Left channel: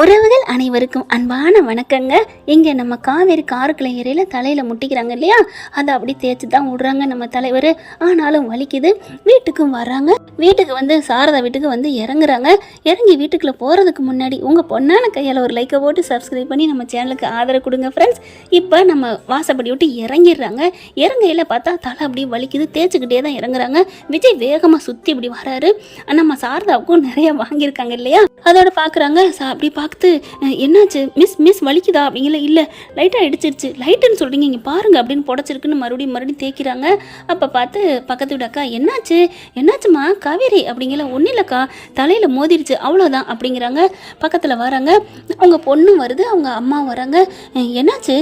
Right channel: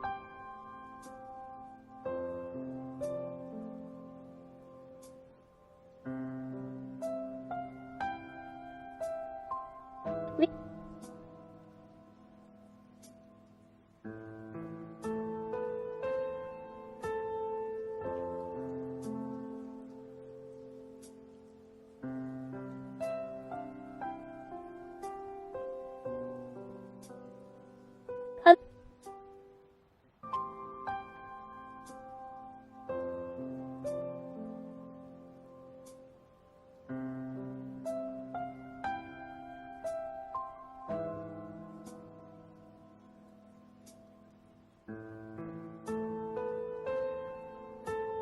உறவுகள் அனைவருக்கும் அன்பான வணக்கங்க. இங்கே நம்ம காவேரி காருக்குள்ள ஏரியில் தலையில் முட்டிக்கிறாங்க இல்லையா, அதை அப்படி தேய்ச்சி தான் விடுறாங்க நம்ம தலைவர். ஆனாலும் வலிக்குது. வீட்டுக்கும் வர்றாங்க. வீட்டுக்கு வந்து சாரதா வீட்டுக்கு வந்து இறங்குறாங்க. இறங்கி வீட்டுக்குள்ளே போகிறதுக்கு முன்னாடி உங்கள் பொண்ணான கையால் ஒரு லைக்கை போட்டு சப்ஸ்கிரைப் பண்ணி நம்ம சேனலுக்கு ஆதரவு கொடுங்க ஃப்ரெண்ட்ஸ். இப்போ நம்ம வாசப்படி விட்டு இறங்கிடுறாங்க. இறங்கையில் பார்த்தா தலை அப்படி வலிக்குது. தேய்ச்சிக்கிட்டே தான் இறங்குறாங்க. விஜய் வேகமாக சுற்றி இப்படி வராரு. நம்ம சாரதாவுக்கும் நிறைய வாங்கியிருக்காங்க இல்லையா, அதோட பார்க்குறாங்க. அப்படி பார்த்து என்னாச்சு மிஸ் வலிக்குதா அப்படிங்கிற, இல்லை லைட்டாக இடிச்சிருச்சு. லைட்டுன்னு சொல்கிறீங்க, இங்கே பாருங்க அப்படின்னு புடச்சிருக்குன்னு மறுபடியும் தேய்க்கிறாங்க. அப்போ பார்த்து பக்கத்து வீடு அக்கா என்னாச்சுமா காவேரி அப்படிங்கிற, ஒன்றும் இல்லைக்கா தலையில் மோதிருச்சு அவ்வளோதான் அப்படிங்கிறாங்க. பக்கத்தில் வராங்க, அவங்க பொண்ணும் வருது, அவங்க அம்மா வராங்க. என்னாச்சு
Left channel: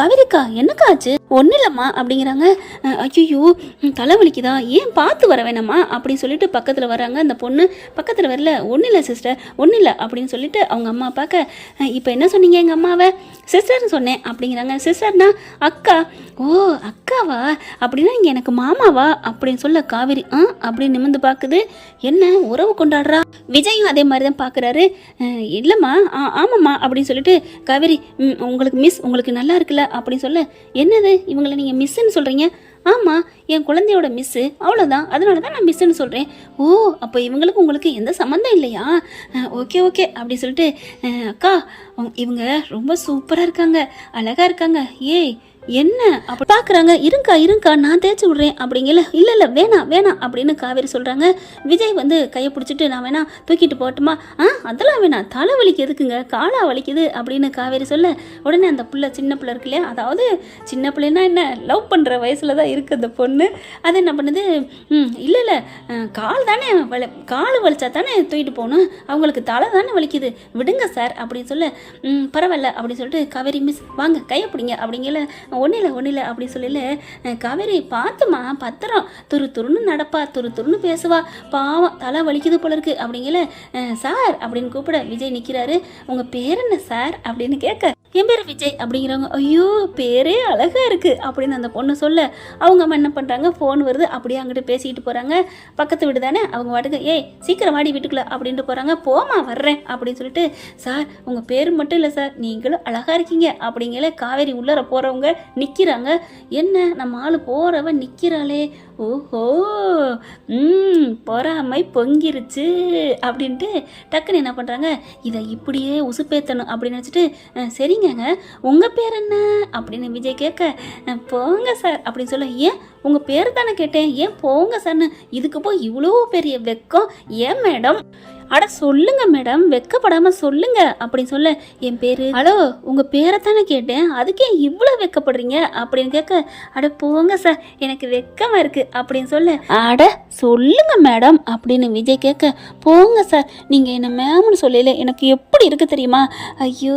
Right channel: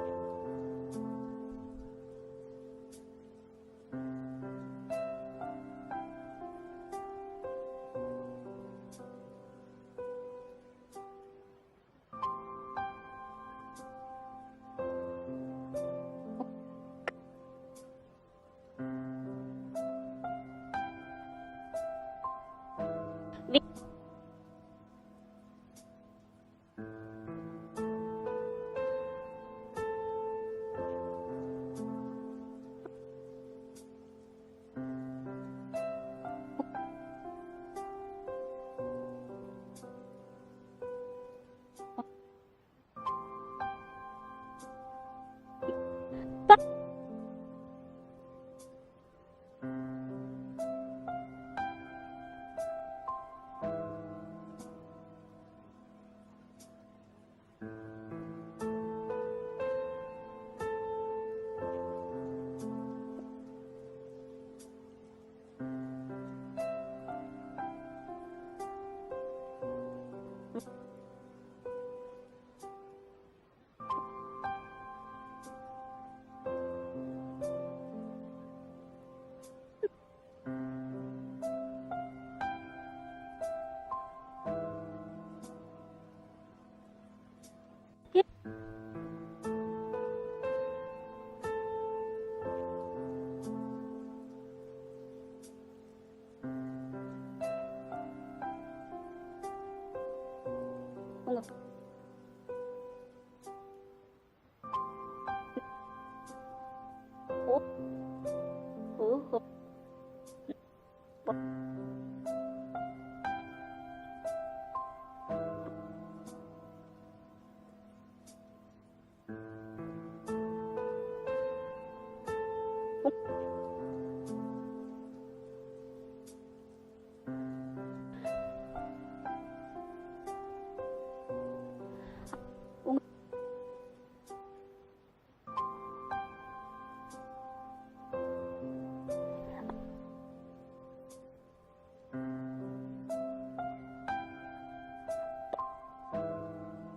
காவேரிக்கா, என்னக்கா ஆச்சு? ஒன்றும் இல்லைம்மா அப்படிங்கிறாங்க. ஐயோ தலை வலிக்குதா, ஏன் பார்த்து வர வேணாமா அப்படின்னு சொல்லிட்டு பக்கத்தில் வராங்க. அந்த பொண்ணு பக்கத்தில் வரல, ஒன்றும் இல்லை சிஸ்டர் ஒன்றும் இல்லை அப்படின்னு சொல்லிட்டு அவங்க அம்மா பார்க்க, இப்போ என்ன சொன்னீங்க எங்கள் அம்மாவை? சிஸ்டர்னு சொன்னேன் அப்படிங்கிறாங்க. சிஸ்டர்னா அக்கா? ஓ அக்காவா, அப்படின்னா இங்கே எனக்கு மாமாவா அப்படின்னு சொல்ல காவேரி அப்படின்னு நிமிர்ந்து பார்க்குது. என்ன உறவு கொண்டாடுறா? விஜயும் அதே மாதிரி தான் பார்க்குறாரு. இல்லைம்மா ஆமாம்மா அப்படின்னு சொல்லிட்டு காவேரி, உங்களுக்கு மிஸ் உங்களுக்கு நல்லா இருக்குல்ல அப்படின்னு சொல்ல, என்னது இவங்களை நீங்கள் மிஸ்ன்னு சொல்கிறீங்க? ஆமாம் என் குழந்தையோட மிஸ்ஸு அவ்வளோதான், அதனால தான் நான் மிஸ்ஸுன்னு சொல்கிறேன். ஓ அப்போ இவங்களுக்கு உங்களுக்கு எந்த சம்மந்தம் இல்லையா? ஓகே அப்படி சொல்லிட்டு, அக்கா இவங்க ரொம்ப சூப்பராக இருக்காங்க, அழகாக இருக்காங்க. ஏய் என்ன அப்படி பார்க்குறாங்க. இருங்கக்கா நான் தேய்ச்சி விட்றேன் அப்படிங்கல. இல்லை வேணாம் அப்படின்னு காவேரி சொல்கிறாங்க. விஜய் வந்து கையை பிடிச்சிட்டு, நான் வேணா தூக்கிட்டு போகட்டுமா? அதெல்லாம் வேணாம், தலை வலிக்கு எதுக்குங்க, காலா வலிக்குது அப்படின்னு காவேரி சொல்ல, உடனே அந்த பிள்ளை சின்ன பிள்ளை இருக்கு இல்லையா, அதாவது சின்ன பிள்ளைன்னா என்ன, லவ் பண்ணுற வயசில் தான் இருக்குது அந்த பொண்ணு. அது என்ன பண்ணுது, இல்லை கால் தானே கால் வலிச்சா தானே தூக்கிட்டு போகணும், அவங்களுக்கு தலை தானே வலிக்குது, விடுங்க சார் அப்படின்னு சொல்ல, பரவாயில்ல அப்படின்னு சொல்லிட்டு காவேரி மிஸ் வாங்க கையை பிடிங்க அப்படிங்கல. ஒன்றும் இல்லை அப்படின்னு சொல்லல. காவேரி பார்த்துமா பத்திரம், துருன்னு நடப்பா, துருன்னு பேசுவா, பாவம் தலை வலிக்குது போல இருக்கு அப்படிங்கல. சார் அப்படின்னு கூப்பிட விஜய் நிற்கிறாரு. உங்கள் பேர் என்ன சார் அப்படின்னு கேட்க, என் பேர் விஜய் அப்படிங்கிறவங்க, ஐயோ பேரே அழகா இருக்கு அப்படின்னு அந்த பொண்ணு சொல்ல, அவங்க அம்மா என்ன பண்ணுறாங்க, ஃபோன் வருது, அப்படியே அங்கிட்டு பேசிக்கிட்டு போகிறாங்க. பக்கத்து வீடு தானே, அவங்க வாட்டுக்கு ஏய் சீக்கிரம் வாடி வீட்டுக்குள்ள அப்படின்ட்டு போகிறாங்க. போமா வர்றேன் அப்படின்னு சொல்லிட்டு, சார் உங்கள் பேர் மட்டும் இல்லை சார் நீங்களும் அழகா இருக்கீங்க அப்படிங்கல. காவேரி உள்ளர போகிறவங்க நிற்கிறாங்க. என்ன நம்ம ஆள் போகிறவன் நிற்கிறாளே, ஓஹோ பொறாமை பொங்கிருச்சு அப்படின்ட்டு டக்குன்னு என்ன பண்ணுறாங்க, இதை இப்படியே உசுப்பேத்தணும் அப்படின்னு நினச்சிட்டு, சரிங்க உங்கள் பேர் என்ன அப்படின்னு விஜய் கேட்க, போங்க சார் அப்படின்னு சொல்ல, ஏன் உங்கள் பேர் தானே கேட்டேன், ஏன் போங்க சார்னு, இதுக்கு போய் இவ்வளோ பெரிய வெக்கம் ஏன் மேடம்? அட சொல்லுங்க மேடம், வெக்கப்படாமல் சொல்லுங்க அப்படின்னு சொல்ல, என் பேர், ஹலோ உங்கள் பேரை தானே கேட்டேன், அதுக்கே இவ்வளோ வெக்கப்படுறீங்க அப்படின்னு கேட்க, அட போங்க சார் எனக்கு வெக்கமாக இருக்குது அப்படின்னு சொல்ல, அட சொல்லுங்க மேடம் அப்படின்னு விஜய் கேட்க, போங்க சார் நீங்கள் என்ன மேம்னு சொல்லல எனக்கு எப்படி இருக்குது தெரியுமா? ஐயோ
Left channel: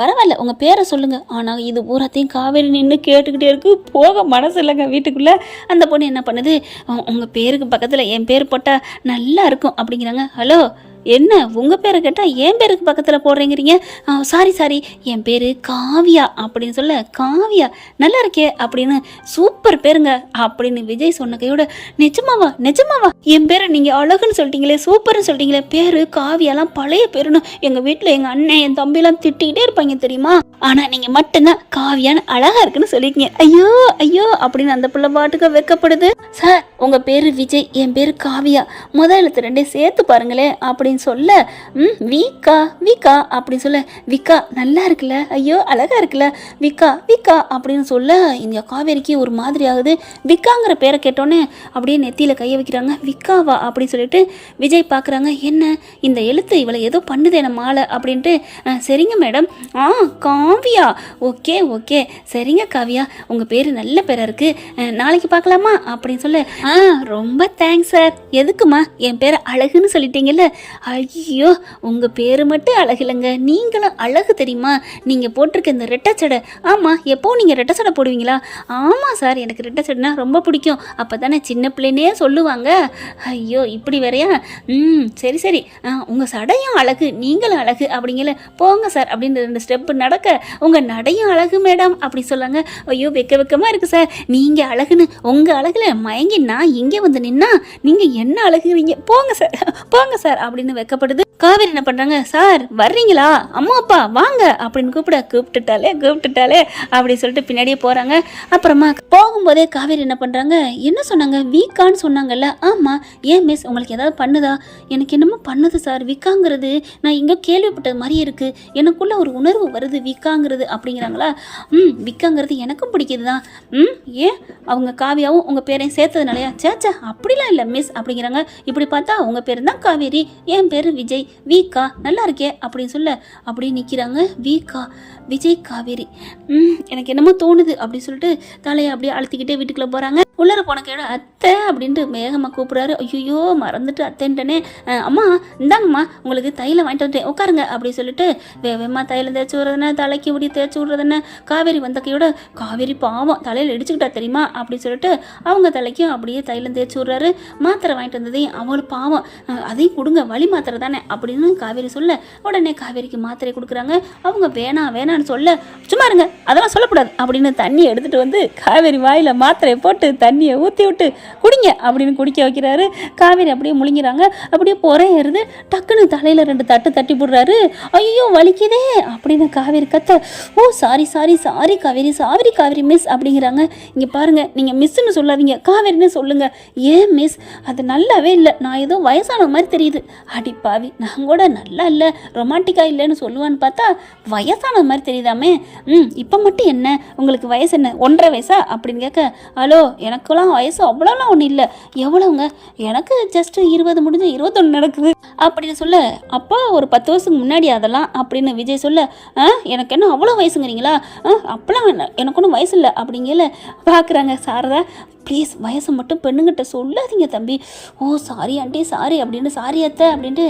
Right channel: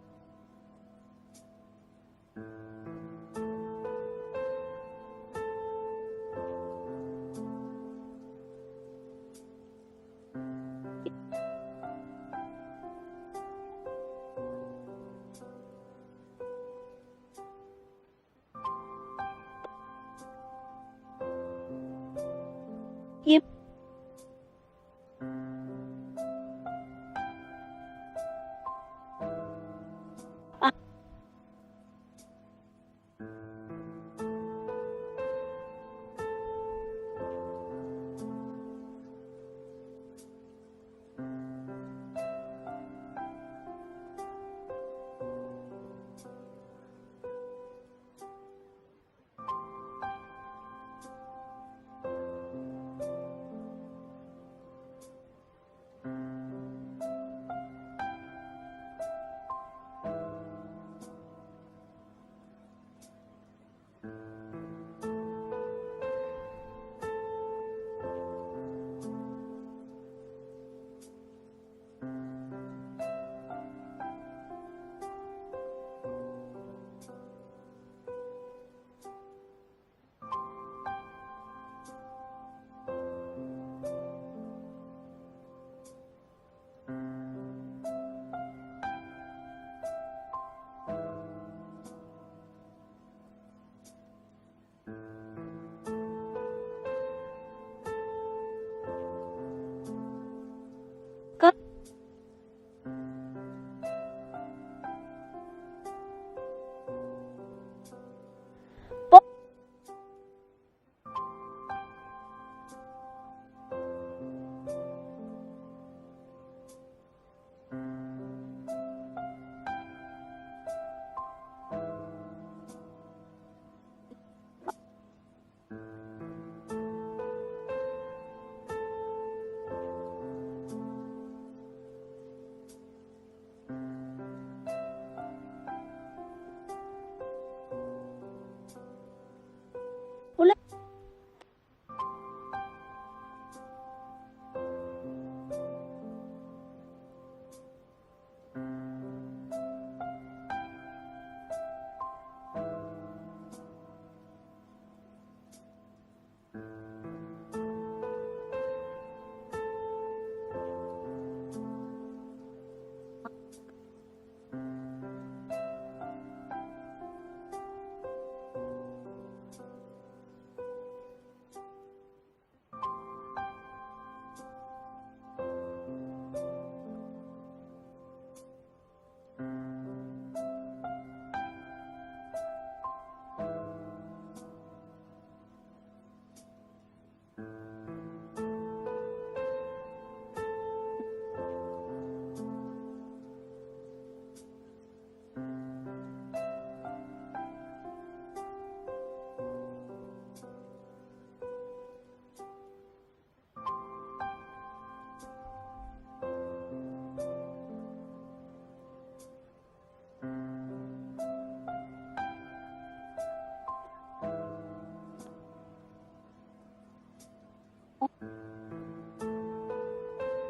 பரவாயில்ல உங்கள் பேரை சொல்லுங்கள். ஆனால் இது பூராத்தையும் காவேரி நின்று கேட்டுக்கிட்டே இருக்கு, போக மனசு இல்லைங்க வீட்டுக்குள்ளே. அந்த பொண்ணு என்ன பண்ணுது, உங்கள் பேருக்கு பக்கத்தில் என் பேர் போட்டால் நல்லா இருக்கும் அப்படிங்கிறாங்க. ஹலோ என்ன உங்கள் பேரை கேட்டால் என் பேருக்கு பக்கத்தில் போடுறீங்கிறீங்க? சாரி என் பேர் காவியா அப்படின்னு சொல்ல, காவியா நல்லா இருக்கே அப்படின்னு, சூப்பர் பேருங்க அப்படின்னு விஜய் சொன்ன கையோட, நிஜமாவா என் பேரை நீங்கள் அழகுன்னு சொல்லிட்டீங்களே, சூப்பர்னு சொல்லிட்டீங்களே, பேர் காவியாலாம் பழைய பேருன்னு எங்கள் வீட்டில் எங்கள் அண்ணன் என் தம்பிலாம் திட்டிக்கிட்டே இருப்பாங்க தெரியுமா, ஆனால் நீங்கள் மட்டும்தான் காவியான்னு அழகாக இருக்குன்னு சொல்லியிருக்கீங்க. ஐயோ அப்படின்னு அந்த பிள்ளை பாட்டுக்கு வெக்கப்படுது. சார் உங்கள் பேர் விஜய், என் பேர் காவியா, முதல் எழுத்து ரெண்டே சேர்த்து பாருங்களேன் அப்படின்னு சொல்ல, விகா அப்படின்னு சொல்ல, விகா நல்லா இருக்குல்ல, ஐயோ அழகா இருக்குல்ல, விகா அப்படின்னு சொல்ல, இந்த காவேரிக்கு ஒரு மாதிரி ஆகுது. விகாங்கிற பேரை கேட்டோன்னே அப்படியே நெத்தியில கையை வைக்கிறாங்க. விகாவா அப்படின்னு சொல்லிட்டு விஜய் பார்க்குறாங்க. என்ன இந்த எழுத்து இவளை ஏதோ பண்ணுதே நம்ம ஆளை அப்படின்ட்டு, சரிங்க மேடம். காவியா ஓகே சரிங்க காவியா உங்கள் பேர் நல்ல பேராக இருக்குது, நாளைக்கு பார்க்கலாமா அப்படின்னு சொல்ல, ரொம்ப தேங்க்ஸ் சார். எதுக்குமா, என் பேரை அழகுன்னு சொல்லிட்டீங்கல்ல. ஐயோ உங்கள் பேர் மட்டும் அழகு இல்லைங்க, நீங்களும் அழகு தெரியுமா, நீங்கள் போட்டிருக்க இந்த ரெட்டை சடை. ஆமாம் எப்போ நீங்கள் ரெட்டை சடை போடுவீங்களா? ஆமாம் சார் எனக்கு ரெட்டை சடைனா ரொம்ப பிடிக்கும், அப்போ தானே சின்ன பிள்ளைனே சொல்லுவாங்க. ஐயோ இப்படி வேறையா, சரி உங்கள் சடையும் அழகு நீங்களும் அழகு அப்படிங்கல. போங்க சார் அப்படின்னு 2 ஸ்டெப்பு நடக்க, உங்கள் நடையும் அழகு மேடம் அப்படி சொல்லாங்க. ஐயோ வெக்கமாக இருக்குது சார், நீங்கள் அழகுன்னு உங்கள் அழகில் மயங்கி நான் இங்கே வந்து நின்னா நீங்கள் என்ன அழகுறீங்க, போங்க சார் அப்படின்னு வெக்கப்படுது. காவேரி என்ன பண்ணுறாங்க, சார் வர்றீங்களா, அம்மா அப்பா வாங்க அப்படின்னு கூப்பிட்டுட்டாலே அப்படின்னு சொல்லிட்டு பின்னாடியே போகிறாங்க. அப்புறமா போகும்போதே காவேரி என்ன பண்ணுறாங்க, என்ன சொன்னாங்க, வீக்கான்னு சொன்னாங்கல்ல, ஆமாம் ஏன் மிஸ் உங்களுக்கு ஏதாவது பண்ணுதா, எனக்கு என்னமோ பண்ணுது சார், வீக்காங்கிறது நான் இங்கே கேள்விப்பட்டது மாதிரி இருக்குது, எனக்குள்ள ஒரு உணர்வு வருது வீக்காங்கிறது அப்படிங்கிறாங்களா. வீக்காங்கிறது எனக்கும் பிடிக்குது தான். ஏன் அவங்க காவியாவும் உங்கள் பேரையும் சேர்த்ததுனாலயா, சேச்சா அப்படிலாம் இல்லை மிஸ் அப்படிங்கிறாங்க. இப்படி பார்த்தா உங்கள் பேர் தான் காவேரி, என் பேர் விஜய், வீக்கா நல்லா இருக்கே அப்படின்னு சொல்ல அப்படியே நிற்கிறாங்க. வீக்கா விஜய் காவேரி, எனக்கு என்னமோ தோணுது அப்படின்னு சொல்லிட்டு தலையை அப்படியே அழுத்திக்கிட்டே வீட்டுக்குள்ளே போகிறாங்க. உள்ளர போன கேட அத்தை அப்படின்ட்டு வேகமாக கூப்பிட்றாரு. ஐயோ மறந்துட்டு அத்தைன்ட்டனே, அம்மா இந்தாங்கம்மா உங்களுக்கு தைலம் வாங்கிட்டு வந்துட்டேன் உட்காருங்க அப்படின்னு சொல்லிட்டு வேகமாக தைலம் தேய்ச்சி விடுறதுன்னு தலைக்கு இப்படி தேய்ச்சி விடுறதுன்னு காவேரி வந்த கையோட, காவேரி பாவம் தலையில் இடிச்சுக்கிட்டா தெரியுமா அப்படின்னு சொல்லிட்டு அவங்க தலைக்கும் அப்படியே தைலம் தேய்ச்சி விட்றாரு. மாத்திரை வாங்கிட்டு வந்ததையும் அவளு பாவம் அதையும் கொடுங்க, வலி மாத்திரை தானே அப்படின்னு காவேரி சொல்ல உடனே காவேரிக்கு மாத்திரை கொடுக்குறாங்க. அவங்க வேணான்னு சொல்ல, சும்மா இருங்க அதெல்லாம் சொல்லக்கூடாது அப்படின்னு தண்ணி எடுத்துகிட்டு வந்து காவேரி வாயில் மாத்திரையை போட்டு தண்ணியை ஊற்றி விட்டு குடிங்க அப்படின்னு குடிக்க வைக்கிறாரு. காவேரி அப்படியே முழுங்கிறாங்க. அப்படியே ஏறுது. டக்குன்னு தலையில் 2 தட்டு தட்டி போடுறாரு. ஐயோ வலிக்குதே அப்படின்னு காவேரி கத்த, ஓ சாரி காவேரி மிஸ் அப்படிங்கிறாங்க. இங்கே பாருங்கள், நீங்கள் மிஸ்ன்னு சொல்லாதீங்க, காவேரின்னு சொல்லுங்க. ஏன் மிஸ், அது நல்லாவே இல்லை, நான் ஏதோ வயசான மாதிரி தெரியுது. அடி பாவி, நான் கூட நல்லா இல்லை ரொமான்டிக்காக இல்லைன்னு சொல்லுவான்னு பார்த்தா வயசான மாதிரி தெரியுதாமே. இப்போ மட்டும் என்ன உங்களுக்கு வயசு என்ன, 1.5 வயசா அப்படின்னு கேட்க, ஹலோ எனக்குலாம் வயசு அவ்வளோலாம் ஒன்றும் இல்லை, எவ்வளோங்க, எனக்கு ஜஸ்ட் 20 முடிஞ்சு 21 நடக்குது அப்படின்னு சொல்ல, அப்போ ஒரு 10 வருஷத்துக்கு முன்னாடி அதெல்லாம் அப்படின்னு விஜய் சொல்ல, எனக்கு என்ன அவ்வளோ வயசுங்கிறீங்களா, அப்போலாம் எனக்கு ஒன்றும் வயசு இல்லை அப்படிங்கல பார்க்குறாங்க. சாரதா ப்ளீஸ் வயசை மட்டும் பெண்ணுங்கிட்ட சொல்லாதீங்க தம்பி. ஓ சாரி ஆண்டி சாரி அப்படின்னு, சாரி அத்தை அப்படின்ட்டு,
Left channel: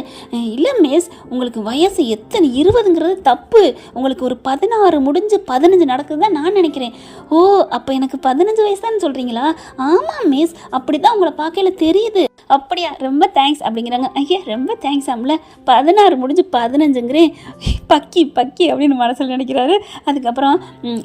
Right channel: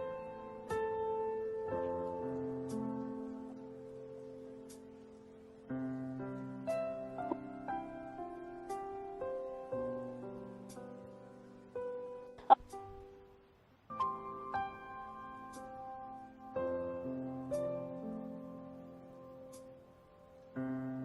இல்லை மிஸ் உங்களுக்கு வயசு எத்தனை 20ங்கிறது தப்பு, உங்களுக்கு ஒரு 16 முடிஞ்சு 15 நடக்குது தான் நான் நினைக்கிறேன். ஓ அப்போ எனக்கு 15 வயசு தான் சொல்கிறீங்களா. ஆமாம் மிஸ் அப்படி தான் உங்களை பார்க்கல தெரியுது. அப்படியா, ரொம்ப தேங்க்ஸ் அப்படிங்கிறாங்க. ஐயா ரொம்ப தேங்க்ஸ் ஆம்ல, 16 முடிஞ்சு 15ங்கிறேன், பக்கி அப்படின்னு மனசில் நினைக்கிறாரு. அதுக்கப்புறம்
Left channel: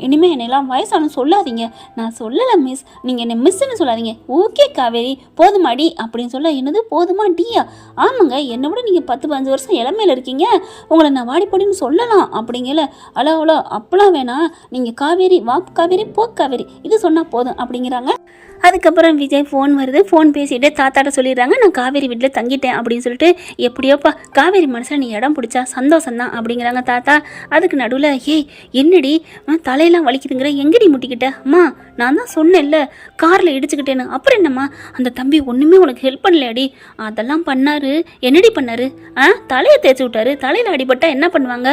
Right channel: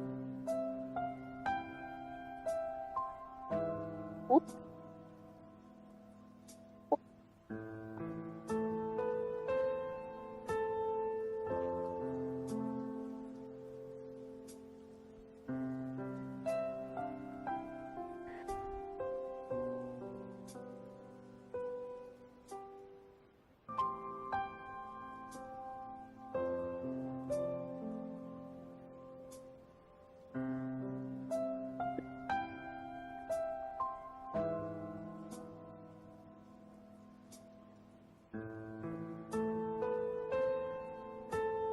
இனிமேல் என்னெல்லாம் வயசானு சொல்லாதீங்க, நான் சொல்லலை மிஸ், நீங்கள் என்னை மிஸ்ன்னு சொல்லாதீங்க. ஓகே காவேரி போதுமாடி அப்படின்னு சொல்ல, என்னது போதுமா டியா, ஆமாங்க என்னை விட நீங்கள் 10-15 வருஷம் இளமையில் இருக்கீங்க, உங்களை நான் வாடிப்படின்னு சொல்லலாம் அப்படிங்கல. அவ்வளோ அப்பெல்லாம் வேணாம், நீங்கள் காவேரி வா காவேரி போ காவேரி இது சொன்னால் போதும் அப்படிங்கிறாங்க. அதுக்கப்புறம் விஜய் ஃபோன் வருது. ஃபோன் பேசிகிட்டே தாத்தாட்ட சொல்லிடுறாங்க, நான் காவேரி வீட்டில் தங்கிட்டேன் அப்படின்னு சொல்லிட்டு. எப்படியோப்பா காவேரி மனசில் நீ இடம் பிடிச்சா சந்தோஷம்தான் அப்படிங்கிறாங்க தாத்தா. அதுக்கு நடுவில், ஏய் என்னடி தலையெல்லாம் வலிக்குதுங்கிற, எங்கடி முட்டிக்கிட்ட, அம்மா நான் தான் சொன்னேன்ல காரில் இடிச்சுக்கிட்டேன்னு, அப்புறம் என்னம்மா அந்த தம்பி ஒன்றுமே உனக்கு ஹெல்ப் பண்ணலையாடி. அதெல்லாம் பண்ணாரு. என்னடி பண்ணாரு, தலையை தேய்ச்சி விட்டாரு, தலையில் அடிபட்டா என்ன பண்ணுவாங்க,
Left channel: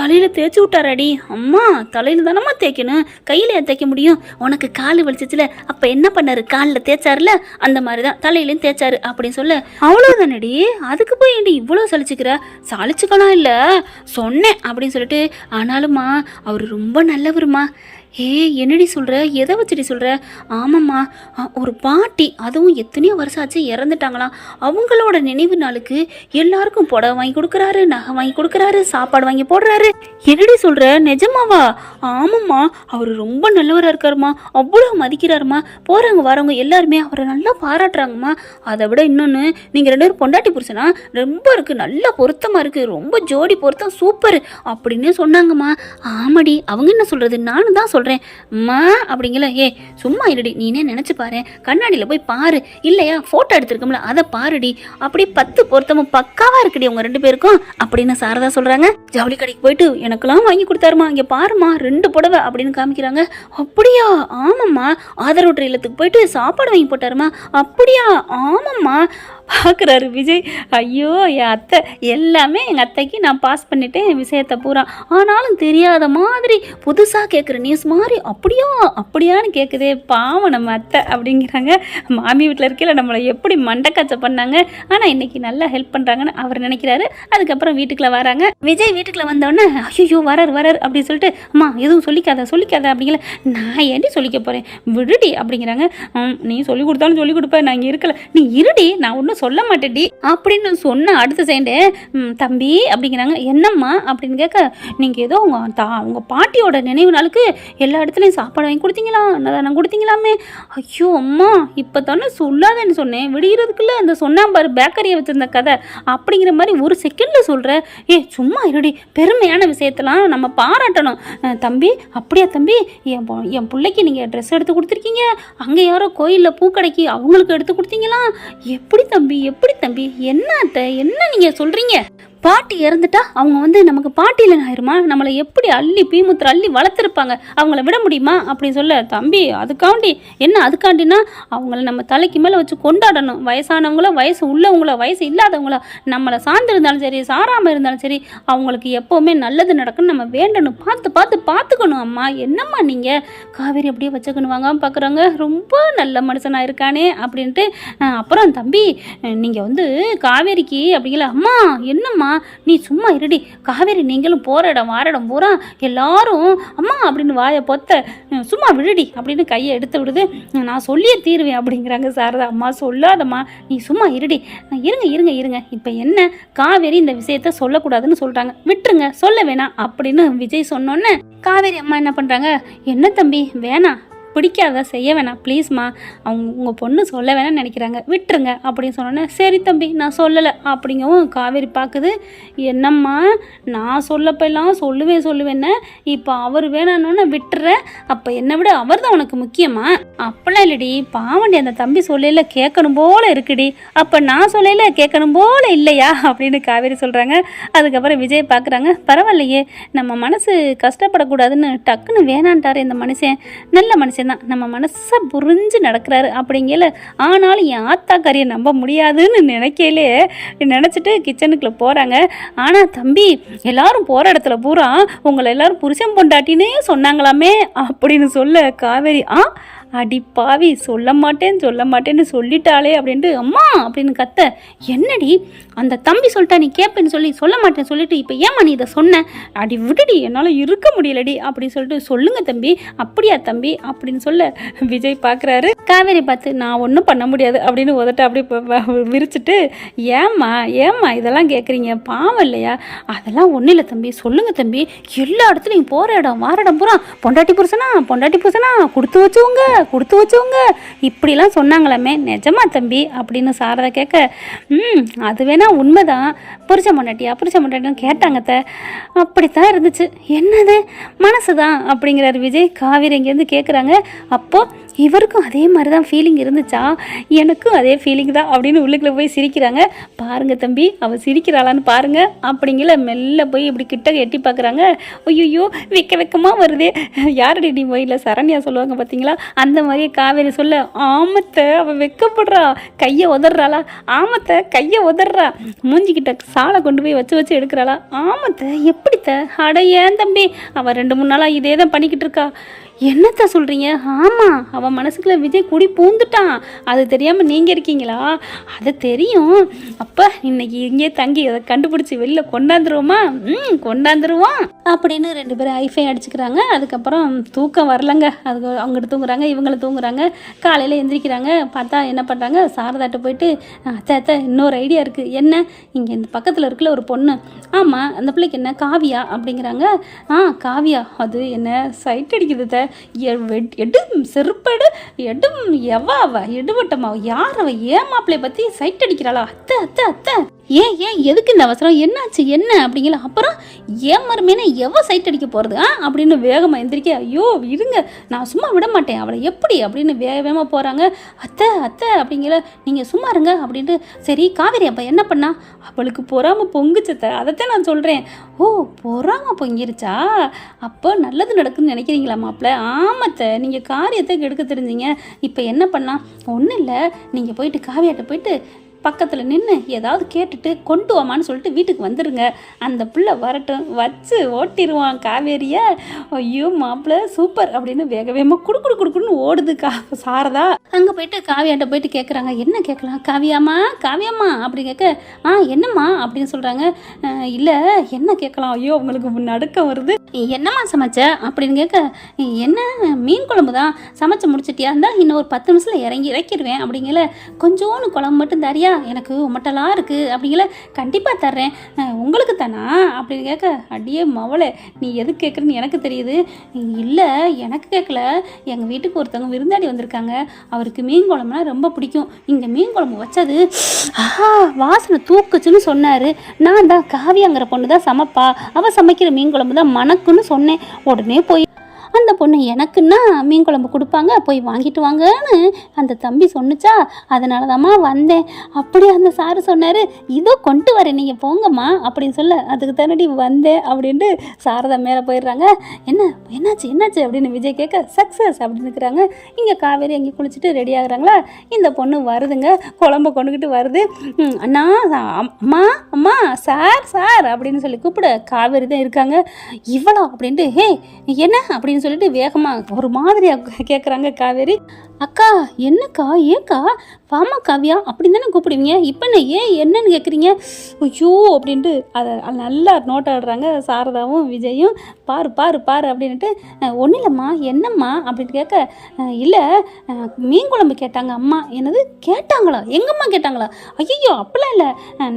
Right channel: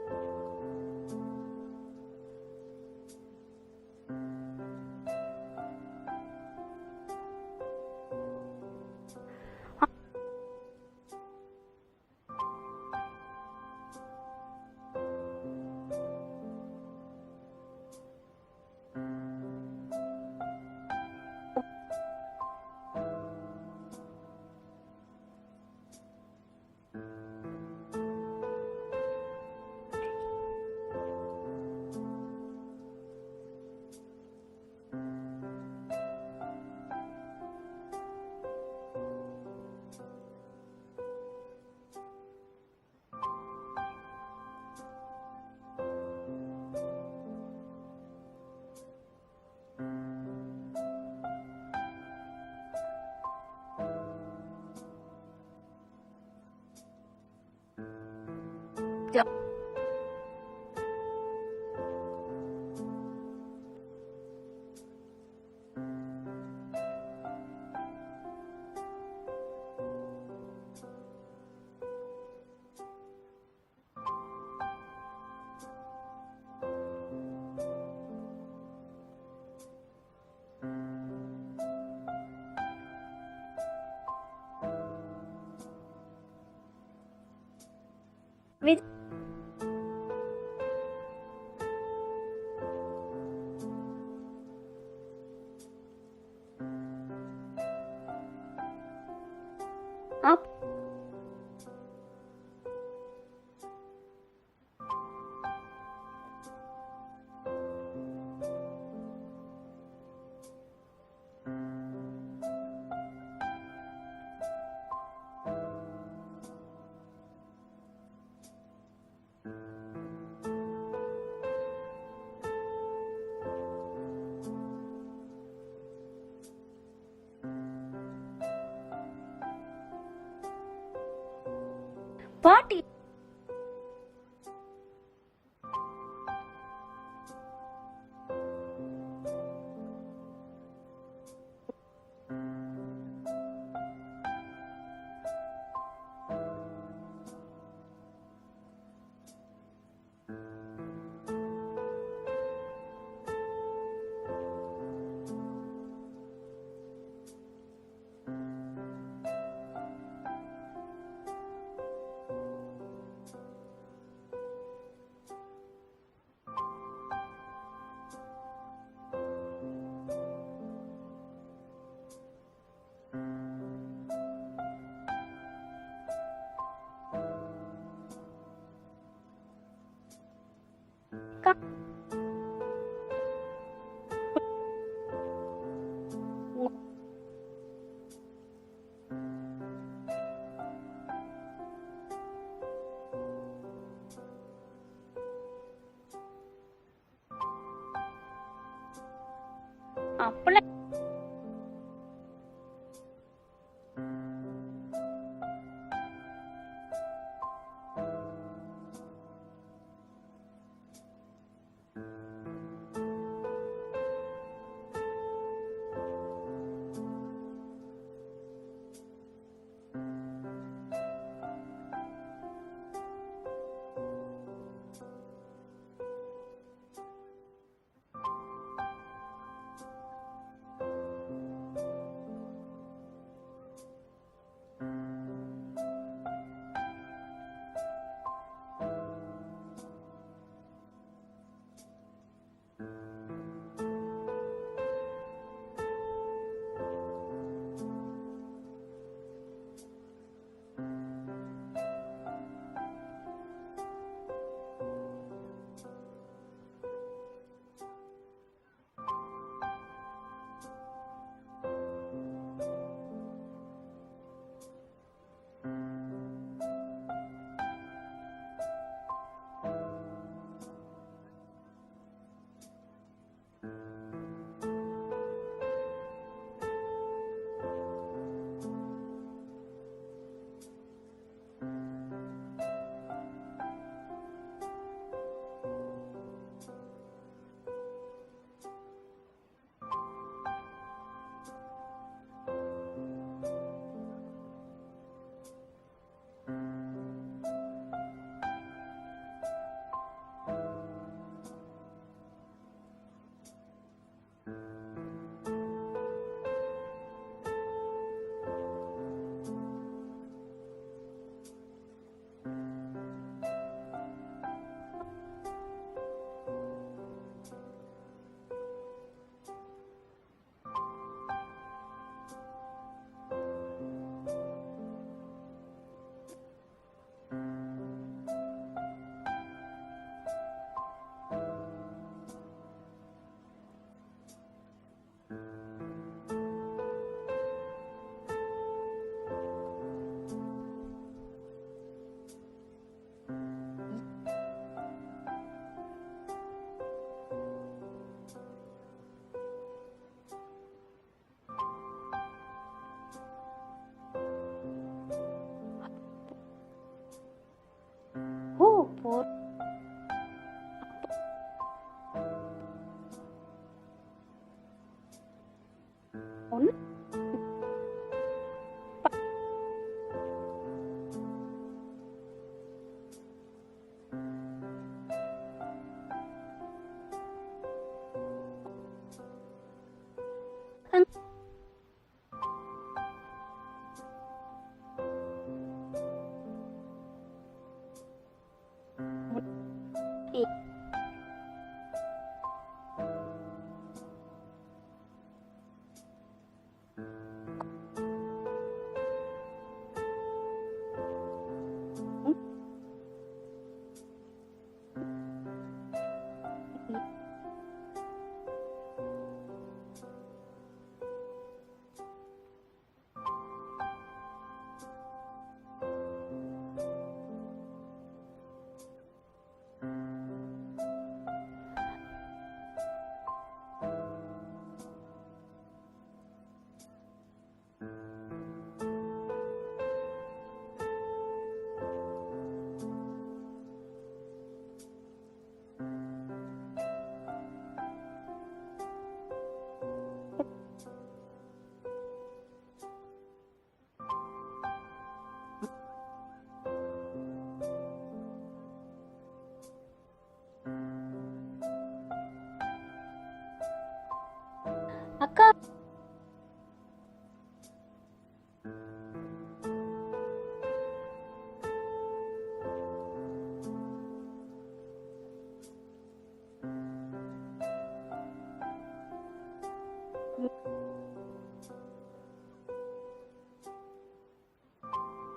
தலையில் தேய்ச்சி விட்டாராடி. அம்மா தலையில் தானம்மா தேய்க்கணும், கையில் தேய்க்க முடியும், உனக்கு கால் வலிச்சிச்சுல அப்போ என்ன பண்ணாரு, காலில் தேய்ச்சாருல அந்த மாதிரி தான் தலையிலையும் தேய்ச்சாரு அப்படின்னு சொல்ல, அவ்வளோதானடி அதுக்கு போய் ஏண்டி இவ்வளோ சலிச்சுக்கலாம் இல்லை சொன்னேன் அப்படின்னு சொல்லிட்டு. ஆனாலும்மா அவர் ரொம்ப நல்லவருமா. என்னடி சொல்கிற, எதை வச்சுடி சொல்கிற. ஆமாம்மா ஒரு பாட்டி, அதுவும் எத்தனையோ வருஷம் ஆச்சு இறந்துட்டாங்களாம், அவங்களோட நினைவு நாளுக்கு எல்லாருக்கும் புடவை வாங்கி கொடுக்குறாரு, நகை வாங்கி கொடுக்குறாரு, சாப்பாடு வாங்கி போடுறாரு. என்னடி சொல்கிற, நிஜமாவா. ஆமாம்மா அவர் ரொம்ப நல்லவராக இருக்காருமா, அவ்வளோ மதிக்கிறாருமா, போகிறவங்க வரவங்க எல்லாருமே அவரை நல்லா பாராட்டுறாங்கம்மா. அதை விட இன்னொன்று, நீங்கள் 2 பேரும் பொண்டாட்டி புருஷனா ரொம்ப இருக்குது, நல்லா பொருத்தமாக இருக்குது, ரொம்ப ஜோடி பொருத்தம் சூப்பர் அப்படின்னு சொன்னாங்கம்மா. ஆமாடி அவங்க என்ன சொல்கிறது, நானும் தான் சொல்கிறேன் அம்மா அப்படிங்கல. சும்மா இருடி, நீனே நினைச்சு பாரு, கண்ணாடியில் போய் பாரு, இல்லையா போட்டோ எடுத்திருக்கோம்ல அதை பாருடி, அப்படி 10 பொருத்தமும் பக்காவா இருக்குடி உங்க 2 பேருக்கும் அப்படின்னு சாரதா சொல்றாங்க. ஜவுளி கடைக்கு போயிட்டு எனக்கெல்லாம் வாங்கி கொடுத்தாருமா, இங்க பாருமா 2 புடவை அப்படின்னு காமிக்கிறாங்க. அப்படியா, ஆமாம்மா ஆதரவு இல்லத்துக்கு போயிட்டு சாப்பாடு வாங்கி போட்டாருமா. அப்படியா, ஆமாம்மா பார்க்குறாரு விஜய். ஐயோ என் அத்தை எல்லாமே எங்கள் அத்தைக்கு நான் பாஸ் பண்ணிட்டேன் விஷயத்தை பூரா, ஆனாலும் தெரியாத மாதிரி புதுசாக கேட்குற நியூஸ் மாதிரி அப்படியான்னு கேட்குதே, பாவம் நம்ம அத்தை அப்படிங்கிறாங்க. மாமி வீட்டில் இருக்கையில் நம்மளை எப்படி மண்டக்காச்சை பண்ணாங்க, ஆனால் இன்னைக்கு நல்லா ஹெல்ப் பண்ணுறாங்கன்னு அவர் நினைக்கிறாரு. அதுக்கப்புறம் வீட்டுக்குள்ளே வராங்க. விஜய் வீட்டுக்குள்ளே வந்தோடனே ஐயோ வரார் அப்படின்னு சொல்லிட்டு, அம்மா எதுவும் சொல்லிக்காத அப்படிங்கிற. நான் ஏன்டி சொல்லிக்க போகிறேன் விடுடி அப்படிங்கிறாங்க. நீ சொல்லி கொடுத்தாலும் சொல்லி கொடுப்பேன், நான் இங்கே இருக்கல, நீ இருடி நான் ஒன்றும் ஒன்றும் சொல்ல மாட்டேடி அப்படின்னு சொன்ன அடுத்த செகண்டே தம்பி அப்படிங்கிறாங்க. என்னம்மா அப்படின்னு கேட்க, நீங்கள் ஏதோ உங்கள் பாட்டியோட நினைவு நாளுக்கு எல்லா இடத்துலையும் சாப்பாடு வாங்கி கொடுத்தீங்களா, நான் கொடுத்தீங்களாமே. ஐயோ அம்மா இப்போ தானே சொல்லாதேன்னு சொன்னேன், விடுகிறதுக்குள்ள அந்த சொன்னாம்பாரு பேக்கரியை வச்சுருந்த கதை அப்படிங்கிற மாதிரி ஒரு செகண்டில் சொல்கிற. சும்மா இருடி, பெருமையான விஷயத்தெல்லாம் நம்ம பாராட்டணும். தம்பி அப்படியா தம்பி, என் பிள்ளைக்கு நீங்கள் ட்ரெஸ் எடுத்து கொடுத்துருக்கீங்க, அங்கே யாரோ கோயிலில் பூக்கடைக்கு அவங்களுக்கு எடுத்து கொடுத்தீங்களா, எப்படி தம்பி எப்படி தம்பி, என்ன அத்தை என்ன நீங்கள் சொல்கிறீங்க? பாட்டி இறந்துட்டா அவங்க நமக்கு பாட்டியில் ஆயிருமா, நம்மளை எப்படி அள்ளி பீமுத்திர அள்ளி வளர்த்துருப்பாங்க, அவங்கள விட முடியுமா அப்படின்னு சொல்ல. தம்பி அதுக்காண்டி என்ன, அதுக்காண்டினா அவங்கள நம்ம தலைக்கு மேலே வச்சு கொண்டாடணும். வயசானவங்களோ வயசு உள்ளவங்களோ வயசு இல்லாதவங்களோ நம்மளை சார்ந்து இருந்தாலும் சரி சாராமல் இருந்தாலும் சரி அவங்களுக்கு எப்போவுமே நல்லது நடக்குன்னு நம்ம வேண்டணும். பார்த்துக்கணும். அம்மா என்னம்மா நீங்கள் காவேரி அப்படியே வச்சுக்கணும் வாங்காமல் பார்க்குறாங்க, ரொம்ப நல்ல மனுஷனாக இருக்கானே அப்படின்ட்டு. அப்புறம் தம்பி நீங்கள் காவேரிக்கு அப்படிங்கல. அம்மா என்னம்மா நீ சும்மா இருடி, காவேரி நீங்களும் போற இடம் வாரடம் பூரா எல்லாரும் அம்மா அப்படின்னு வாயை பொத்த, சும்மா விடுடி அப்படின்னு கையை எடுத்து விடுது. நான் சொல்லியே தீருவேன் அப்படிங்கிறாங்க சாரதா. அம்மா சொல்லாதம்மா, நீ சும்மா இருடி. இருங்க இப்போ என்ன, காவேரி இந்த விஷயத்த சொல்லக்கூடாதுன்னு சொல்றாங்க, விட்டுருங்க சொல்ல வேணாம் அப்படின்னு விஜய் சொன்னோன்னே காவேரி அம்மா என்ன பண்றாங்க, என்ன தம்பி வேணாம், பிடிக்காத செய்ய வேணாம் ப்ளீஸ்மா, உங்கள் பொண்ணு சொல்ல வேணாம்னு நினைக்கிறாங்க, விட்டுருங்க அப்படின்னு சொன்னோன்னே சரி தம்பி நான் சொல்லலை அப்படிங்கவும் காவேரி பார்க்குது. என்னம்மா நான் சொல்லப்பெல்லாம் சொல்லுவேன்னு இப்போ அவர் வேணான்னு விட்டுறேன், அப்போ என்னை விட அவர் தான் உனக்கு முக்கியமா? அப்பெல்லாம் இல்லடி பாவண்டி, அந்த தம்பி சொல்லல கேட்கணும் போல இருக்குடி, அப்போ நான் சொல்லல கேட்கணும் போல இல்லையா அப்படின்னு காவேரி சொல்கிறாங்க. அதுக்கப்புறம் விஜய் பார்க்குறாங்க, பரவாயில்லையே நம்ம மனசு கஷ்டப்படக்கூடாதுன்னு டக்குன்னு வேணான்ட்டார் இந்த மனுஷன், நல்ல மனுஷன் தான், நம்ம மனசை புரிஞ்சு நடக்கிறாரு அப்படிங்கல. ஆனாலும் என் ஆத்தாக்காரியை நம்ப முடியாதுன்னு நினச்சிட்டு கிச்சனுக்குள்ளே போகிறாங்க. ஆனால் தம்பி எல்லாரும் போகிற இடத்துல பூரா உங்களை எல்லாரும் புருஷன் பொண்டாட்டினே சொன்னாங்களாமே அப்படின்னு சொல்ல காவேரி அடி பாவி சொல்ல மாட்டேன்னு சொல்லிட்டாளே அப்படின்ட்டு அம்மா அப்படின்னு கத்த. என்னடி அந்த தம்பி சொல்லிட்டா நீ கேட்பேன்னு சொல்ல மாட்டேன்னு சொல்லிட்டு இப்போ ஏமா நீ இதை சொன்ன, அடி விடுடி என்னால் இருக்க முடியலடி அப்படின்னு சொல்லிட்டு, சொல்லுங்க தம்பி அப்படியா தம்பி அப்படின்னு சொல்ல விஜய் பார்க்குறாரு. காவேரி பார்த்து நான் ஒன்றும் பண்ண முடியாது அப்படின்னு உதட்ட அப்படி விரிச்சிட்டு, ஏம்மா இதெல்லாம் கேட்குறீங்க பாவம் இல்லையா, அதெல்லாம் ஒன்றும் இல்லை தம்பி சொல்லுங்க தம்பி, எல்லா இடத்துலையும் போகிற இடம் வாரடம் பூரா பொண்டாட்டி புருஷனா கொடுத்து வச்சவங்க இப்படிலாம் சொன்னாங்களாமே, நிஜமா தம்பி அப்படின்னு சாரதா கேட்க, அது வேணா உண்மைதான், புருஷ பொண்டாட்டின்னு கேட்டாங்க அப்படித்தான் இருந்துச்சு, என்னது மனசுதான் அப்படிங்கிறாரு விஜய். காவேரி இங்கேருந்து கேட்குறாங்க, அப்போ இவருக்கும் அதே மாதிரி தான் ஃபீலிங் இருந்துச்சா, எனக்கும் அதே ஃபீலிங் தான் அப்படின்னு உள்ளுக்குள்ளே போய் சிரிக்கிறாங்க. பாருங்க தம்பி அவள் சிரிக்கிறாளான்னு பாருங்க அப்படிங்கிற மெல்ல போய் இப்படி கிட்ட எட்டி பார்க்குறாங்க. ஐயோ வெக்கமாக வருதே, யாரடி நீ போயில சரண்யா சொல்லுவாங்க பார்த்தீங்களா, அந்த மாதிரியே காவேரி சொல்ல, ஆமத்தை அவள் வெக்கப்படுறா, கையை உதறாளா, ஆமத்தை கையை உதறா, மூஞ்சிக்கிட்ட சாலை கொண்டு போய் வச்சு எடுக்கிறாளா, ஆமத்தை எப்படித்த, அட ஏன் தம்பி அவள் 2-3 நாளாக இதே தான் பண்ணிக்கிட்டு இருக்கா. என்னத்த சொல்கிறீங்க? ஆமாம் அவன் மனசுக்குள்ள விஜய் கூடி பூந்துட்டான், அது தெரியாமல் நீங்கள் இருக்கீங்களா? அது தெரியும். அப்போ இன்னைக்கு இங்கே தங்கி அதை கண்டுபிடிச்சி வெளில கொண்டாந்துருவோமா? கொண்டாந்துருவோம் அப்படின்னு 2 பேரும் ஐஃபை அடிச்சுக்கிறாங்க. அதுக்கப்புறம் தூக்கம் வரலங்க, அது அவங்ககிட்ட தூங்குறாங்க, இவங்களை தூங்குறாங்க. காலையில் எந்திரிக்கிறாங்க, பார்த்தா என்ன பண்ணுறாங்க, சாரதாட்ட போயிட்டு, அத்தை இன்னொரு ஐடியா இருக்குது. என்ன, இங்கே இந்த பக்கத்தில் இருக்குல்ல ஒரு பொண்ணு, ஆமாம் அந்த பிள்ளைக்கு என்ன காவியா அப்படிங்கிறாங்க. காவியா அது என்ன சைட் அடிக்குது, எடும் செருப்படு எடும் எவாவ எடுவட்டமாவ யார் அவ ஏமாப்பிள்ளைய பற்றி சைட் அடிக்கிறாளா? அத்தை ஏன் எதுக்கு இந்த அவசரம், என்னாச்சு என்ன அப்படிங்கல. அப்புறம் ஏன் மருமேன எவ சைட் அடிக்க போகிறது அப்படின்னு வேகமாக எந்திரிக்க, ஐயோ இருங்க நான் சும்மா விட மாட்டேன் அவளை எப்படி அப்படின்னு வேகமாக போகிறாங்க. அத்தை அப்படிங்கிற, நீங்கள் சும்மா இருங்க அப்படின்ட்டு. சரி காவேரி அப்போ என்ன பண்ணா, அவளுக்கு பொறாம பொங்குச்சத்தை, அதைத்தான் நான் சொல்கிறேன். ஓ பொறாம பொங்கிருச்சா, அப்போ நல்லது நடக்குதுன்னு நினைக்கிறீங்களா மாப்பிள்ள? ஆமத்தை நீங்கள் காரியத்தை கெடுக்க தெரிஞ்சிங்க. இப்போ என்ன பண்ணா, ஒன்றும் இல்லை, நீங்கள் போயிட்டு காவியாட்ட போயிட்டு பக்கத்தில் நின்று ஏதாவது கேட்டுட்டு கொண்டு வாமான்னு சொல்லிட்டு வீட்டுக்கு வந்துடுங்க, அந்த பிள்ளை வரட்டும் வச்சு ஓட்டிடுவான் காவேரியை. ஐயோ மாப்பிள்ள சூப்பர் அப்படின்னு வேகமாக குடுக்குன்னு ஓடுது சாரதா. அங்கே போயிட்டு காவியாட்ட போயிட்டு கேட்குறாங்க, என்ன கேட்கலாம், காவியாம்மா அப்படி கேட்க, என்னம்மா அப்படின்னு சொல்கிறாங்க. இல்லை என்ன கேட்கலாம், ஐயோ அவங்களுக்கு நடுக்கம் வருது. என்னம்மா சமைச்ச அப்படின்னு கேட்க, என்ன மீன் குழம்பு தான், சமைச்சு முடிச்சிட்டியா, இருந்தால் இன்னும் ஒரு 10 நிமிஷத்தில் இறக்கிடுவேன் அப்படிங்கல, கொஞ்சோன்னு குழம்பு மட்டும் தரியா எனக்கு உமட்டலாம் இருக்குது அப்படிங்கள. கண்டிப்பாக தர்றேன், உங்களுக்கு தானா அப்படின்னு கேட்க, அடியே மவளே நீ எது கேட்குறன்னு எனக்கு தெரியுது. இல்லை எனக்கு கேட்கல, எங்கள் வீட்டுக்கு ஒருத்தவங்க விருந்தாடி வந்திருக்காங்க, அவருக்கு மீன் குழம்புனா ரொம்ப பிடிக்கும், இங்கே மீன் குழம்பு வச்சது வாசனை தூக்குச்சுன்னு சொன்னார். நான் தான் காவியாங்கிற பொண்ணு தான் சமைப்பா, அவள் சமைக்கிற மீன் குழம்பு தான் மணக்குன்னு சொன்னேன். உடனே போய் அந்த பொண்ணு எனக்குன்னா மீன் குழம்பு கொடுப்பாங்க, போய் வாங்கிட்டு வாங்கன்னு அந்த தம்பி சொன்னிச்சா, அதனால தாம்மா வந்தேன். அப்படி அந்த சாரு சொன்னார், இதோ கொண்டு வரேன் நீங்கள் போங்கம்மா அப்படின்னு சொல்ல, அதுக்கு தானடி வந்தேன் அப்படின்ட்டு சாரதா மேலே போயிடுறாங்க. என்னாச்சு அப்படின்னு விஜய் கேட்க, சக்ஸஸ் அப்படின்னு இருக்கிறாங்க. இங்கே காவேரி அங்கே குளிச்சுட்டு ரெடி ஆகுறாங்களா, இந்த பொண்ணு வருதுங்க, குழம்பு கொண்டுக்கிட்டு வருது. அண்ணா அம்மா அம்மா சார் அப்படின்னு சொல்லி கூப்பிட காவேரி தான் இருக்காங்க. இவ்வளோ அப்படின்ட்டு, ஹே என்ன அப்படின்னு சொல்லிட்டு வேகமாக ஒரு மாதிரியாக கேட்குறாங்க காவேரி. அக்கா என்னக்கா, ஏக்கா வாமா காவியா அப்படின்னு தானே கூப்பிடுவீங்க, இப்போ என்னன்னு கேட்குறீங்க, ஐயோ அப்படின்ட்டு அதை நல்லா நோட் ஆடுறாங்க சாரதாவும் விஜயும். பாரு அப்படின்ட்டு, ஒன்றும் இல்லைம்மா என்னம்மா அப்படின்னு கேட்க, இல்லை மீன் குழம்பு கேட்டாங்க அம்மா. என்னது கேட்டாங்களா, எங்கம்மா கேட்டாங்களா, ஐயோ அப்படிலாம் இல்லை,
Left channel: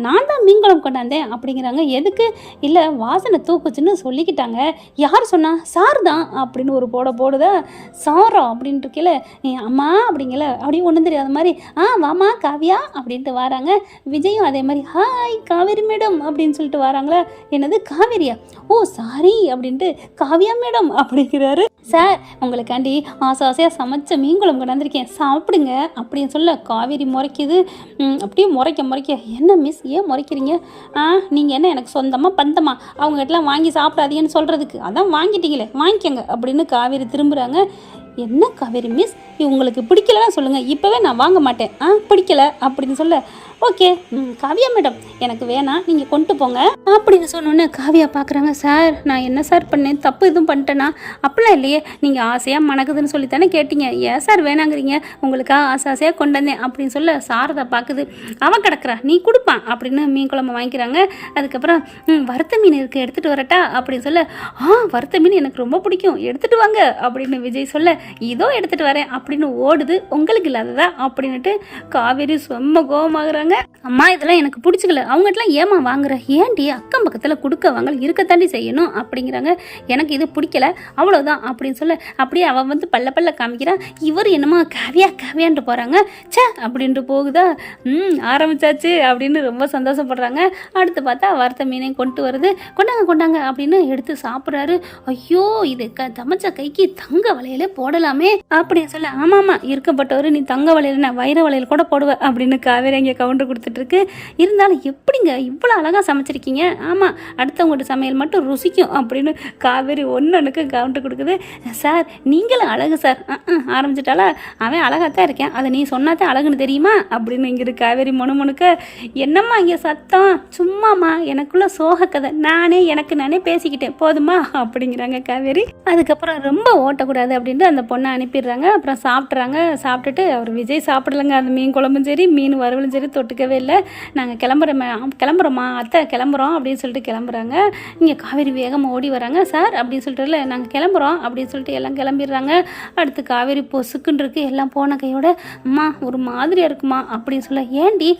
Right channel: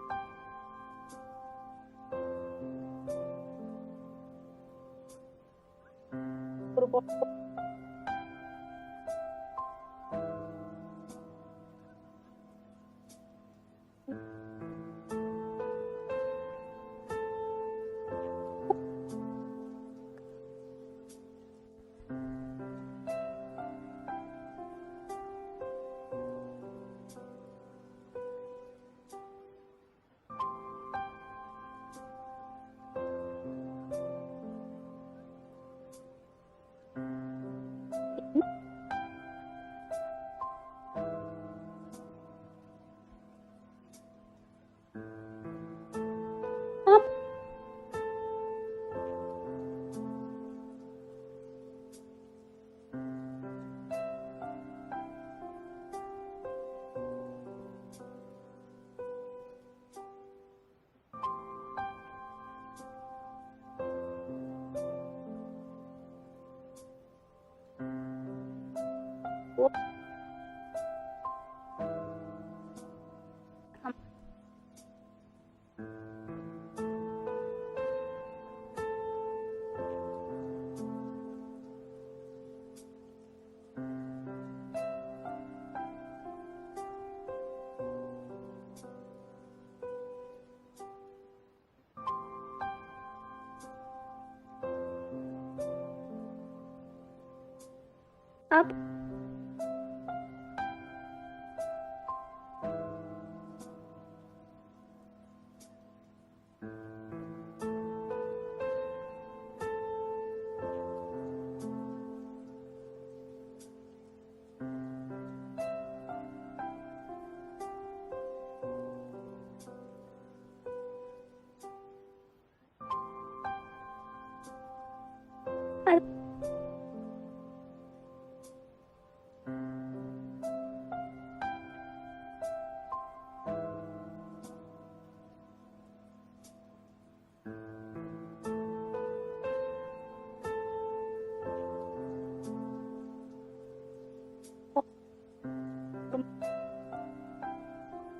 நான் தான் மீன் குழம்பு கொண்டாந்தேன் அப்படிங்கிறாங்க. எதுக்கு, இல்லை வாசனை தூக்குச்சுன்னு சொல்லிக்கிட்டாங்க. யார் சொன்னா, சார் தான் அப்படின்னு ஒரு போடுதா, சாரா அப்படின்ட்டு இருக்கல, அம்மா அப்படிங்கல, அப்படியே ஒன்றும் தெரியாத மாதிரி வாமா காவியா அப்படின்ட்டு வராங்க. விஜயும் அதே மாதிரி ஹாய் காவேரி மேடம் அப்படின்னு சொல்லிட்டு வராங்களா. என்னது காவேரியா, ஓ சாரி அப்படின்ட்டு காவியா மேடம் அப்படிங்கிறாரு. சார் உங்களுக்காண்டி ஆசையாக சமைச்ச மீன் குழம்பு கொண்டாந்துருக்கேன், சாப்பிடுங்க அப்படின்னு சொல்ல காவேரி முறைக்குது. அப்படியே முறைக்க, என்ன மிஸ் ஏன் முறைக்கிறீங்க, நீங்கள் என்ன எனக்கு சொந்தமாக பந்தமா அவங்ககிட்டலாம் வாங்கி சாப்பிடாதீங்கன்னு சொல்கிறதுக்கு, அதான் வாங்கிட்டீங்களே வாங்கிக்கங்க அப்படின்னு காவேரி திரும்புகிறாங்க. என்ன காவேரி மிஸ், உங்களுக்கு பிடிக்கலன்னா சொல்லுங்கள், இப்போவே நான் வாங்க மாட்டேன், பிடிக்கல அப்படின்னு சொல்ல, ஓகே காவியா மேடம் எனக்கு வேணாம், நீங்கள் கொண்டு போங்க அப்படின்னு சொன்னோன்னே காவியா பார்க்குறாங்க. சார் நான் என்ன சார் பண்ணேன், தப்பு எதுவும் பண்ணிட்டேன்னா, அப்படிலாம் இல்லையே, நீங்கள் ஆசையாக மணக்குதுன்னு சொல்லி தானே கேட்டீங்க, ஏன் சார் வேணாங்கிறீங்க, உங்களுக்காக ஆசையாக கொண்டு வந்தேன் அப்படின்னு சொல்ல சாரதா பார்க்குது. அவன் கிடக்குறா நீ கொடுப்பான் அப்படின்னு மீன் குழம்பு வாங்கிக்கிறாங்க. அதுக்கப்புறம் வறுத்த மீன் இருக்குது எடுத்துகிட்டு வரட்டா அப்படின்னு சொல்ல, வறுத்த மீன் எனக்கு ரொம்ப பிடிக்கும் எடுத்துகிட்டு வாங்க அப்படின்னு விஜய் சொல்ல, இதோ எடுத்துகிட்டு வரேன் அப்படின்னு ஓடுது. உங்களுக்கு இல்லாததா அப்படின்னுட்டு காவேரி செம்ம கோவமாகறாங்க. அம்மா இதெல்லாம் எனக்கு பிடிச்சிக்கல, அவங்ககிட்டலாம் ஏமா வாங்குற, ஏன்டி அக்கம் பக்கத்தில் கொடுக்க வாங்க இருக்கத்தாண்டி செய்யணும் அப்படிங்கிறாங்க. எனக்கு இது பிடிக்கல அவ்வளோதான் அப்படின்னு சொல்ல, அப்படியே அவன் வந்து பல்ல காமிக்கிறான். இவர் என்னமோ காவியான்ட்டு போகிறாங்க. சே அப்படின்ட்டு போகுதா, ஆரம்பிச்சாச்சு அப்படின்னு ரொம்ப சந்தோஷப்படுறாங்க. அடுத்து பார்த்தா வறுத்த மீனையும் கொண்டு வருது. கொண்டாங்க அப்படின்னு எடுத்து சாப்பிட்றாரு. ஐயோ இது சமைச்ச கைக்கு தங்க வளையலே போடலாமே அப்படின்னு சொல்ல, ஆமாம் இருக்கப்பட்டவர் நீ தங்க வளையல் நான் வைர வளையல் கூட போடுவேன் அப்படின்னு காவேரி அங்கே கவுண்டர் கொடுத்துட்ருக்கு. இருந்தாலும் எப்படிங்க இவ்வளோ அழகாக சமைச்சிருக்கீங்க, ஆமாம் அடுத்தவங்கள்ட்ட சமையல் மட்டும் ருசிக்கும் அப்படின்னு காவேரி ஒன்றுக்கு கவுண்டர் கொடுக்குது. சார் நீங்களும் அழகு சார், ஆரம்பிச்சிட்டாலா, அவன் அழகாக தான் இருக்கேன், அதை நீ சொன்னாதான் அழகுன்னு தெரியுமா அப்படின்னு இங்கிட்டு காவேரி முணுமுணுக்க. என்னம்மா இங்கே சத்தம், சும்மாம்மா எனக்குள்ள சோக கதை, எனக்கு நானே பேசிக்கிட்டேன் போதுமா அப்படிங்கிறாங்க காவேரி. அதுக்கப்புறம் ரொம்ப ஓட்டக்கூடாது அப்படின்ட்டு அந்த பொண்ணை அனுப்பிடுறாங்க. அப்புறம் சாப்பிட்டுட்டு அவர் விஜய் சாப்பிடலைங்க, அந்த மீன் குழம்பும் சரி மீன் வறுவலும் சரி தொட்டுக்கவே இல்லை. நாங்கள் கிளம்புறோம்மா அத்தை கிளம்புறோம் அப்படின்னு சொல்லிட்டு கிளம்புறாங்க. இங்கே காவேரி வேகமாக ஓடி வராங்க. சார் அப்படின்னு சொல்லிட்டு இல்லை நாங்கள் கிளம்புறோம் அப்படின்னு சொல்லிட்டு எல்லாம் கிளம்பிடுறாங்க. அடுத்து காவேரி பொசுக்குன்னு இருக்கு, எல்லாம் போன கையோட, அம்மா ஒரு மாதிரியாக இருக்குமா அப்படின்னு சொல்ல, ஏண்டி,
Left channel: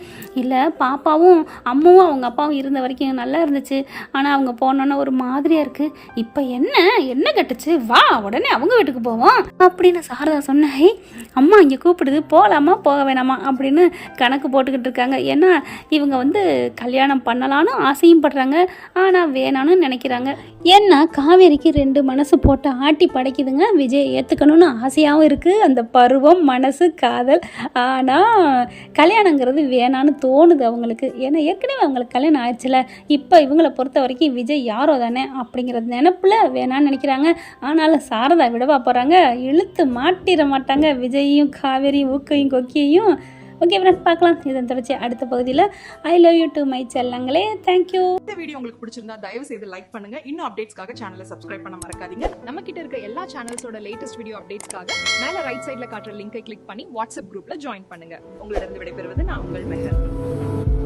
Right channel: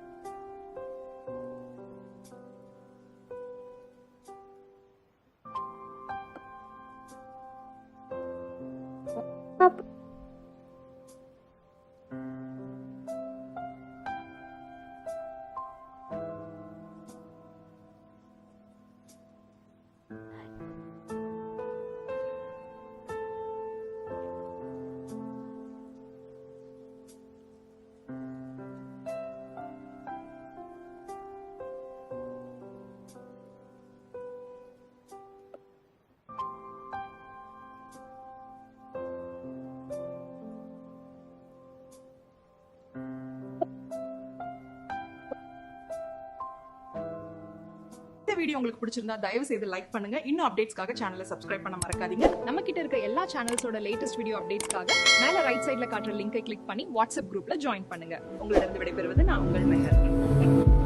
இல்லை பாப்பாவும் அம்மாவும் அவங்க அப்பாவும் இருந்த வரைக்கும் நல்லா இருந்துச்சு, ஆனால் அவங்க போனோன்னே ஒரு மாதிரியாக இருக்குது, இப்போ என்ன கட்டுச்சு, வா உடனே அவங்க வீட்டுக்கு போவோம் அப்படின்னு சாரதா சொன்னேன். அம்மா இங்கே கூப்பிடுது போகலாமா போக வேணாமா அப்படின்னு கணக்கு போட்டுக்கிட்டு இருக்காங்க. ஏன்னா இவங்க வந்து கல்யாணம் பண்ணலான்னு ஆசையும் படுறாங்க, ஆனால் வேணான்னு நினைக்கிறாங்க. ஏன்னா காவேரிக்கு 2 மனசு போட்டு ஆட்டி படைக்குதுங்க. விஜய் ஏற்றுக்கணும்னு ஆசையாகவும் இருக்குது, அந்த பருவம் மனசு காதல், ஆனால் கல்யாணங்கிறது வேணான்னு தோணுது அவங்களுக்கு. ஏன்னா ஏற்கனவே அவங்களுக்கு கல்யாணம் ஆயிடுச்சுல, இப்போ இவங்களை பொறுத்த வரைக்கும் விஜய் யாரோ தானே அப்படிங்கிறது நினப்பில் வேணான்னு நினைக்கிறாங்க. ஆனாலும் சாரதா விடவா போகிறாங்க, இழுத்து மாட்டிட மாட்டாங்க விஜயையும் காவேரியும் ஊக்கையும் கொக்கியையும். ஓகே ஃப்ரெண்ட்ஸ் பார்க்கலாம் இதன் தொடர்ச்சி அடுத்த பகுதியில். I love you to my செல்லங்களே, தேங்க்யூ. இந்த வீடியோ உங்களுக்கு பிடிச்சிருந்தா தயவு செய்து லைக் பண்ணுங்க. இன்னும் அப்டேட்ஸ்க்காக சேனலை சப்ஸ்கிரைப் பண்ண மறக்காதீங்க. நம்ம கிட்ட இருக்க எல்லா சேனல்ஸோட லேட்டஸ்ட் வீடியோ அப்டேட்ஸ்க்காக மேல ரைட் சைட்ல காட்டுற லிங்கை கிளிக் பண்ணி வாட்ஸ்அப் குரூப்ல ஜாயின் பண்ணுங்க. உங்களிடம் விடைபெறுவது நான் உங்கள் மெஹர்.